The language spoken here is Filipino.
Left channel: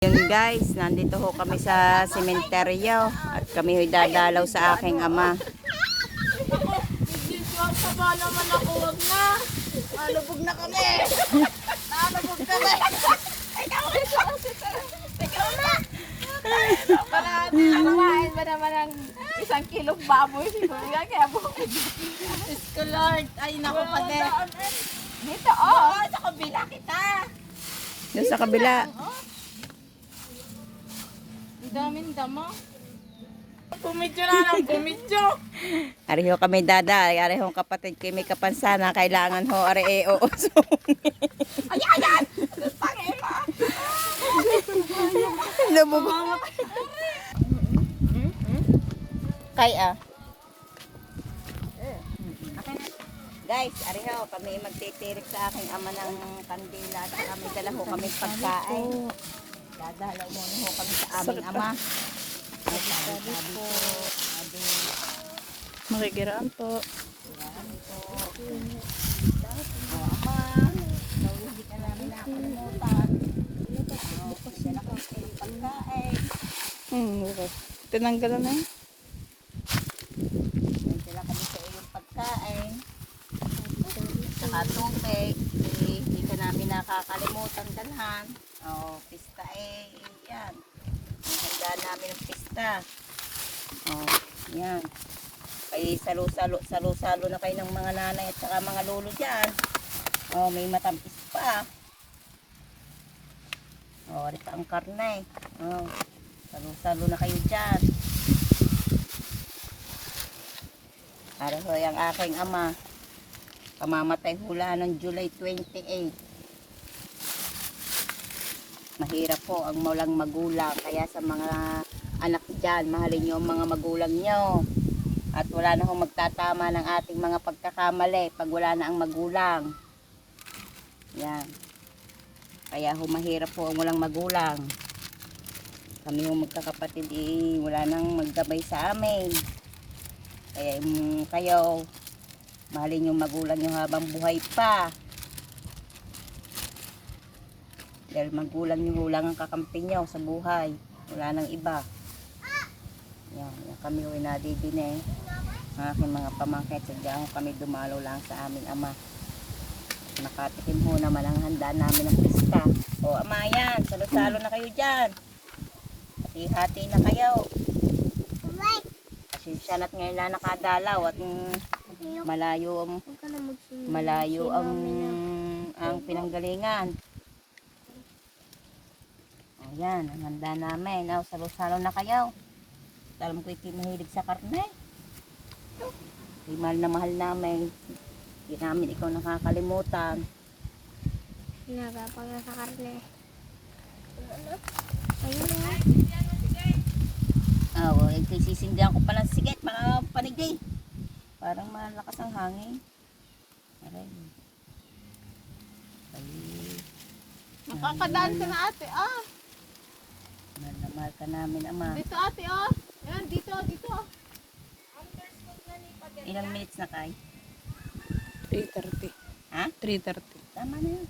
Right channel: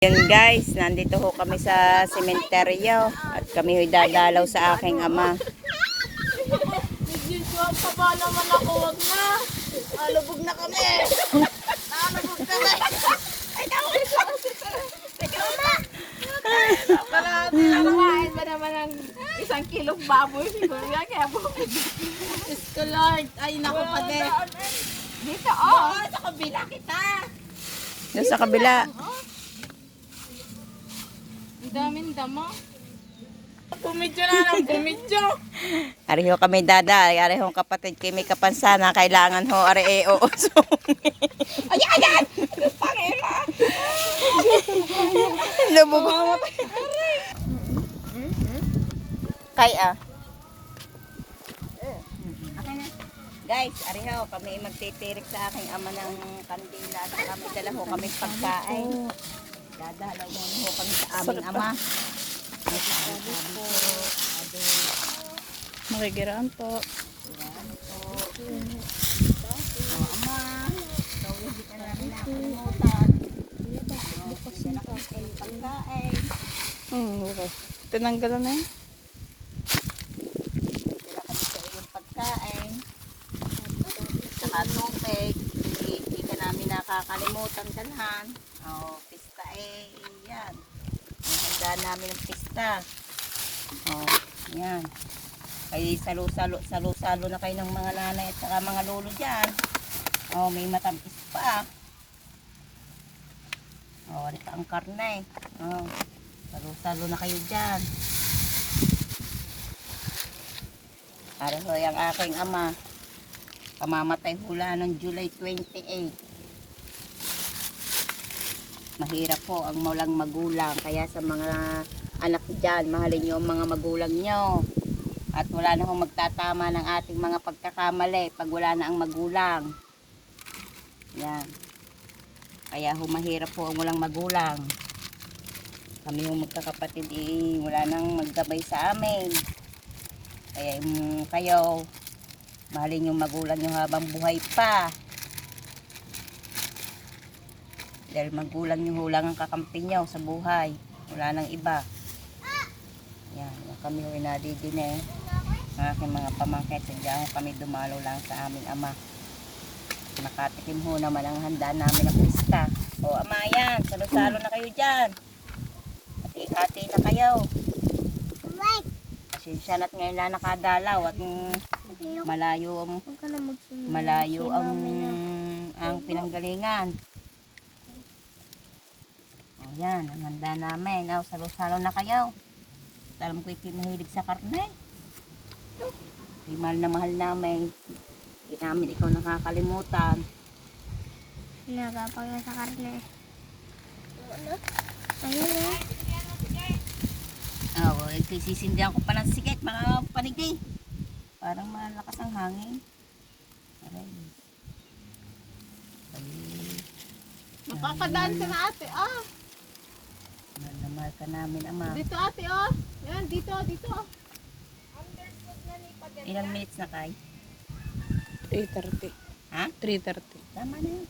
Yun guys, nandito ho kami sa sementeryo at kami ho'y dadalaw sa aking ama. Nag-joke pa ba naman ako, wag na. Alubog na kami. Alubog kami. Na. Parati na nakain ba naman ang isang kilong baboy siguro yan. Kaya bukid. Diyos ko Lord. Ay, naku pa din. Dito, oh. Sa kabila kita. Doon sa kabila. Ang daming dama. Kumidyo na lang, kumidyo. Ari ho kami dada, ari ho kapatid kay may kapansana, kailangan ho ari e oo. Ayan, ayan! Pangina! Lubog. Kay ah. Guys, ari ho kami magtitirik sa aking ama ng kandila sa kami dala ho kami pagkain. Dadalaw mo ho kami sa aming ama. Ay, sabi sabi po, sabi, Makikiraan po. oh, ama, nauwi ka namin na nakalimutan. Kami sa iyong pagkain. Hmm, okay. Tinanggalan na. Dala kami sa iyong pagkain. Saka tubig. Hindi, ka namin nakakalimutan dalhan. Oh, pista eh, yan. Ang handa namin ng pista. Oh, yan. Ay salo-salo, salo-salo na kayo ng mga nanay at saka mga lolo dyan. Oh, may matampis pa. Oh, rito ang karne. Oh, salo-salo na kayo dyan. Para ho yung aking ama. Pamamatay hula ng July 28. Mahirap po ang walang magulang. Kaya sa mga anak dyan, mahalin nyo ang mga magulang nyo. At wala na hong magtatama ng ating mga pagkakamali pag wala na ang magulang. Yan. Kaya ho mahirap po ang walang magulang. Kami yung magkakapatid eh, wala nang maggabay sa amin. Kaya um, kayo, mahalin yung magulang nyo habang buhay pa. Dahil magulang nyo lang ang kakampi nyo sa buhay. Wala nang iba. Yan, yan kami yung inadidine. Ang aking mga pamangkin, sadya ho kami dumalo lang sa aming ama. Nakatikim ho naman ang handa namin ng pista. O ama yan, salo-salo na kayo dyan. Hati-hati na kayo. Pasensya na't ngayon na nakadalaw at malayo ang malayo ang ang pinanggalingan. O yan, ang handa namin. O, salo-salo na kayo. Alam ko ito mahilig sa karne. Ay, mahal na mahal namin. Hindi namin ikaw nakakalimutan. Nagapang na sa karne. Ano na? Oo, oh, sisindihan ko pa ng sigat, mga panigay. Parang malakas ang hangin. Aray. Ay, Makakadaan ka na ate, ah. Mahal na mahal ka namin, ama. Dito ate, oh. Yan, dito, dito. Ilang minutes na kay? 3.30. Ha? 3.30. Tama na yun.